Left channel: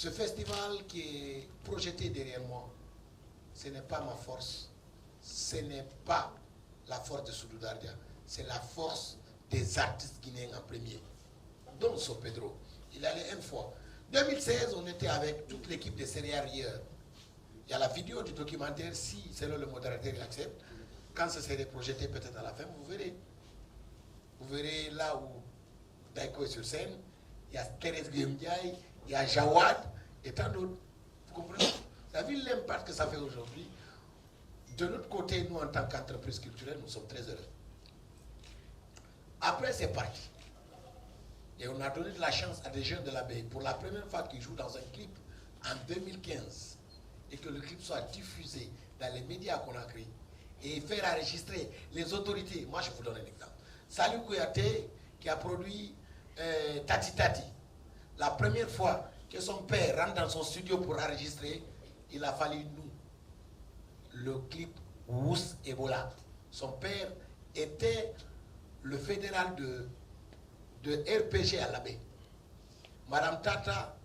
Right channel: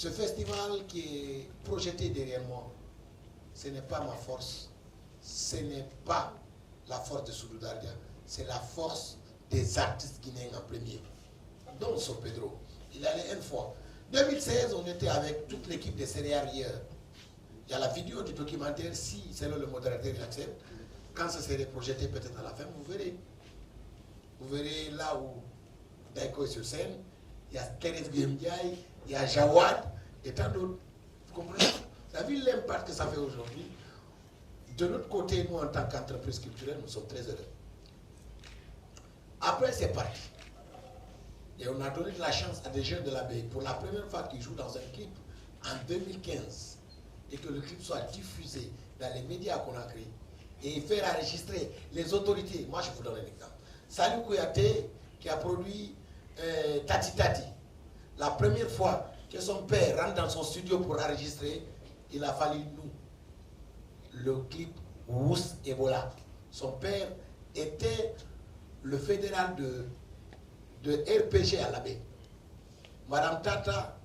Ce festival qui est projeté derrière moi, ce n'est pas ma force, ce n'est pas la force de Soudou Dardia, c'est la force des artistes guinéens en premier. Donc, sur Pedro, il allait une fois. 2016, on était avec toute l'équipe des céréales hier. Il y a la vidéo du documentaire, si c'est le modérateur qui accepte. Quand ça serait projeté peut-être à la fin, vous verrez. Vous verrez là où Daiko est sur scène, il y a Thérèse Guemdiaye, il y a Jawad, et tant d'autres. Vous comprenez? Vous avez vu l'impact que ça fait aujourd'hui. De l'autre côté, nous, en tant qu'entreprise culturelle, nous sommes très heureux. Après, c'est parti. Et on a donné de la chance à des jeunes de l'abbaye pour la première fois qu'ils jouent dans un clip en 2015 et que le clip soit diffusé dans les médias qu'on a créés et faire enregistrer les autorités. Moi, je vous donne un exemple. Salou Kouyaté, qui a produit Tati Tati, la première fois que son père rentre dans son studio pour enregistrer, il a fallu nous, le clip Rousse Ebola. Son père était le fédéral de RPG à l'abbaye. Madame Tata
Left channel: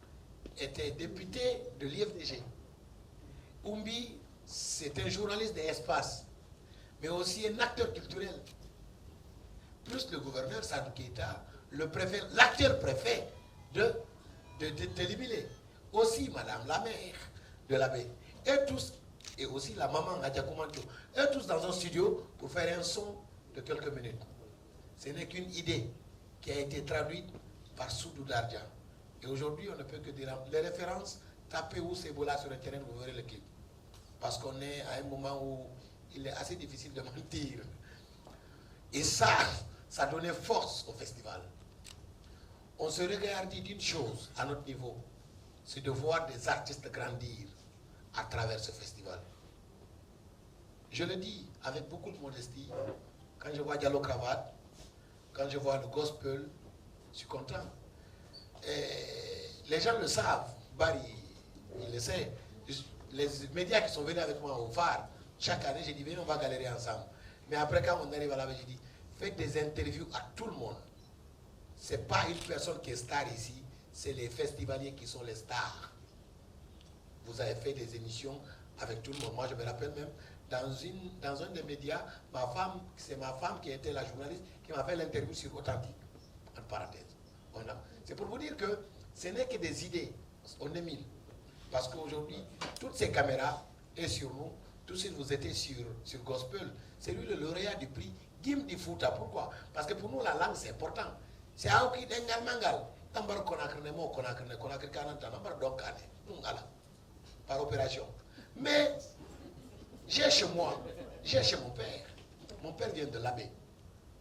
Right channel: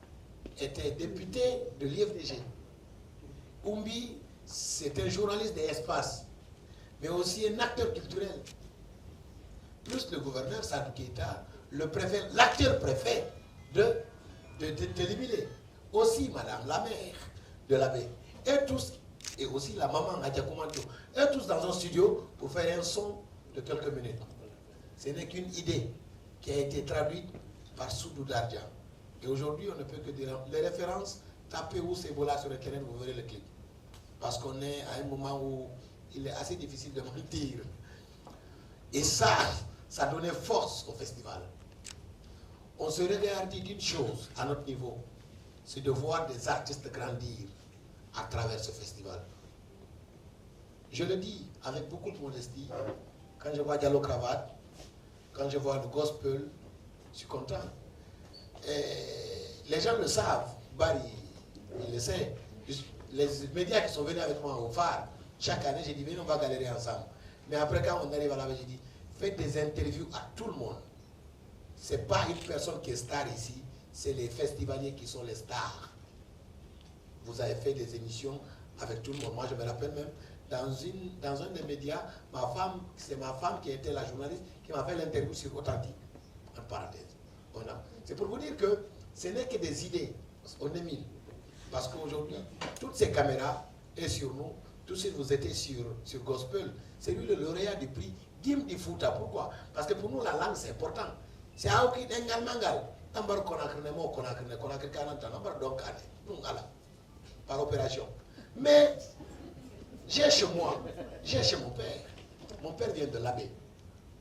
était députée de l'IFDG. Oumbi, c'est un journaliste d'espace, mais aussi un acteur culturel. Plus le gouverneur Sadou Keita, le préfet, l'acteur préfet de Libélé. Aussi Madame la mère de l'abbaye. Et tous, et aussi la maman Nadia Koumancho. Et tous dans un studio pour faire un son de quelques minutes. Ce n'est qu'une idée qui a été traduite par Soudou Dardia. Et aujourd'hui, on ne peut que dire les références, tapez où c'est Ebola sur le terrain, vous verrez le clip. Parce qu'on est à un moment où il est assez difficile de mentir. Et ça donnait force au festival. On se regardait d'une chose à notre niveau, c'est de voir des artistes grandir à travers ce festival. Je le dis avec beaucoup de modestie, quand je vois Diallo Cravate, quand je vois le gospel, je suis content. Et les gens le savent, Barry, il le sait. Les médias qui sont venus avec moi au phare, chaque année, j'ai dit, venez, on va galérer ensemble. Mais après, quand on arrive à la j'ai dit, faites des interviews à tout le monde. Ce n'est pas une personne qui est star ici, c'est les festivaliers qui sont les stars. Vous avez fait des émissions avec tout le monde. Moi, je me rappelle même, dans un des médias, c'est ma femme qui était la journaliste qui m'a fait l'interview sur Authentique, en parenthèse. C'est pour vous dire que ce n'est que des idées. On est 1000. Parce qu'aujourd'hui, toutes ces caméras sont sur nous. Tout de suite, vous étiez sur Gospel. C'est lui le lauréat du prix Gim di Fouta. Pourquoi? Parce que pour nous, la langue, c'est important. C'est Aoki Dengal Mangal. Tambar Konakremo, Konakre 40 ans, Nambar Donkane. Nous, voilà. Par opération. Mais, j'ai chez moi, j'ai chez mon père. Mon père vient de l'abbaye.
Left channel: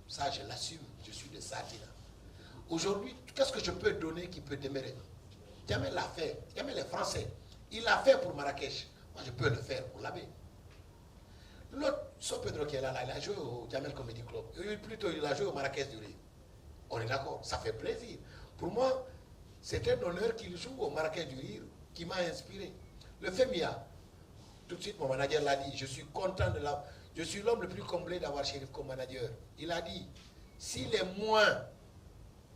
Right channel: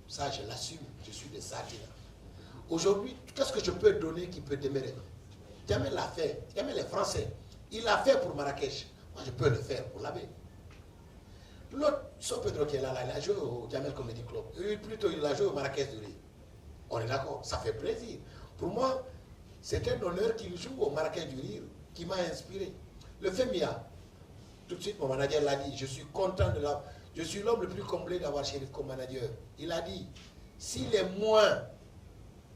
Ça, je l'assume. Je suis de Sadia. Aujourd'hui, qu'est-ce que je peux donner qui peut demeurer? Jamais l'a fait. Jamais les Français. Il l'a fait pour Marrakech. Moi, je peux le faire pour l'abbaye. L'autre, son Pedro qui est là, il a joué au Jamel Comedy Club. Plutôt, il a joué au Marrakech du Riz. On est d'accord, ça fait plaisir. Pour moi, c'est un honneur qu'il joue au Marrakech du Rire qui m'a inspiré. Le FEMIA, tout de suite, mon manager l'a dit, je suis content de la... Je suis l'homme le plus comblé d'avoir Chérif comme manager. Il a dit, s'il est moins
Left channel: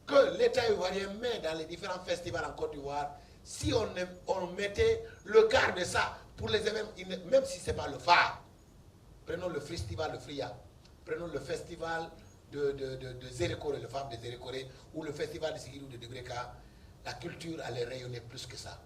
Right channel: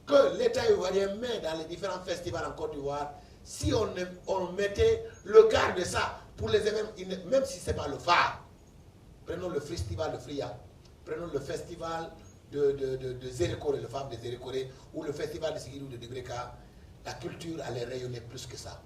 que l'État ivoirien met dans les différents festivals en Côte d'Ivoire, si on mettait le quart de ça pour les événements, même si ce n'est pas le phare, prenons le festival de Fria, prenons le festival de Zérékoré, le phare de Zérékoré, ou le festival de Sigilou de Degreka, la culture allait rayonner plus que ça.